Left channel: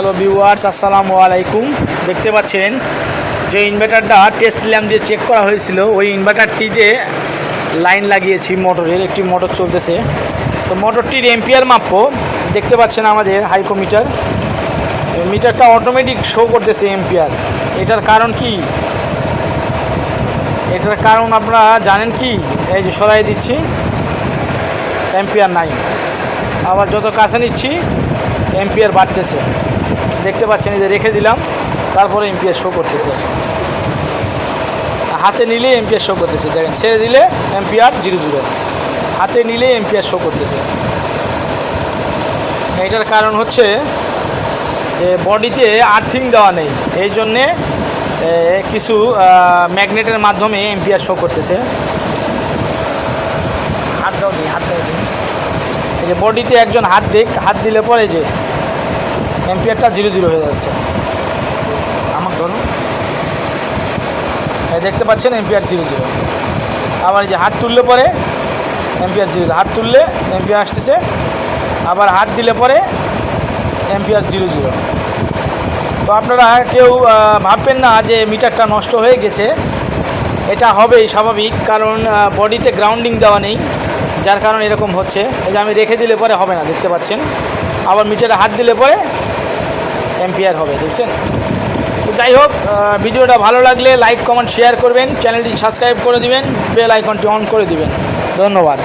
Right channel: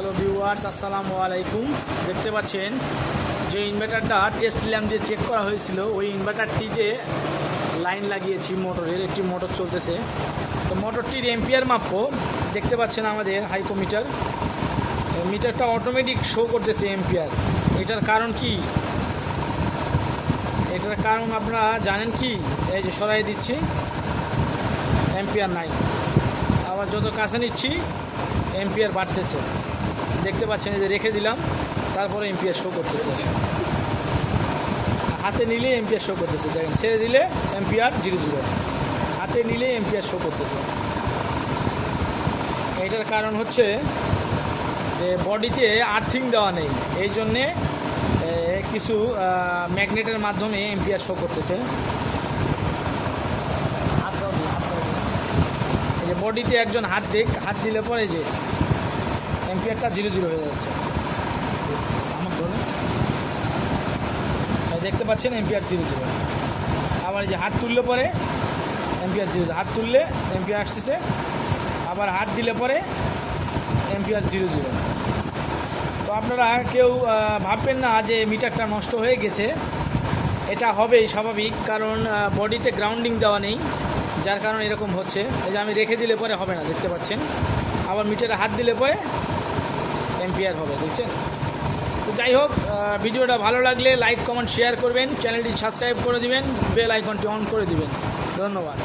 Hello viewers, আসসালামু আলাইকুম। দেখতে পাচ্ছেন যে ইনভার্টারটা টেস্ট ল্যাম্প দিয়ে চেক করা হয়েছিল, ওই ইনভার্টারটিতে লাইন লাগিয়েছি মোটরের, একটি মোটর চলতেছে। তো মোটরটির এম্পিয়ার মাপব। দেখতে পাচ্ছেন আমাদের হাইকোমিটার, মিটারটা অটোমেটিক শো করতেছে এম্পিয়ার। এটার কারণ কি? এটার কারণ আপনারা জানেন কি? এই যে সরাই দিচ্ছি, এম্পিয়ার নাই। আবার যত কাছে নিচ্ছি এম্পিয়ার বাড়তেছে। দেখতে পাচ্ছেন, এই যে রেখে দিলাম, তারপরে এম্পিয়ার শো করতেছে। হাতে নিলে এম্পিয়ার শো করতেছে, দেখেন। ছেড়ে দিলে এম্পিয়ার 0 হাতে নিলে এম্পিয়ার শো করতেছে। এটার কারণ হচ্ছে বডিতে আর্থিং দেওয়া নেই, এই জন্যে কিছু ম্যাগনেটের মাধ্যমে এম্পিয়ার শো করতেছে। হাত দাও দিই, হাত দাও দিই। এই যে বডিতে একজন হাত দিক, হাত দিলে পরে যে এম্পিয়ারটা 0 হয়ে যাচ্ছে। আমার ধরুন দেখতে পাচ্ছেন এম্পিয়ার 0। আবার এই যে হাত তুললে পরে এম্পিয়ার 0, হাত তুললে এম্পিয়ার আসতেছে। আবার হাত দিলে পরে এম্পিয়ার 0। তো আপনারা কেউ ভাববেন না যে মিটারটা নষ্ট হয়ে গেছে। এটা হবেই স্বাভাবিক, কারণ বডিতে গ্রাউন্ডিং দেওয়া নেই, যার কারণে এরকম হচ্ছে। এই যে আমি রেখে দিলে পরে হবে না, দেখতে পাচ্ছেন। আবার মিটারে হাত দিলে পরে এম্পিয়ার হবে, দেখছেন। তো যাই হোক, ভিডিওটা ভালো লাগলে লাইক, কমেন্ট, শেয়ার করবেন, চ্যানেলটি সাবস্ক্রাইব করে দিবেন, বেল আইকনটি অন করে দিবেন। ধন্যবাদ।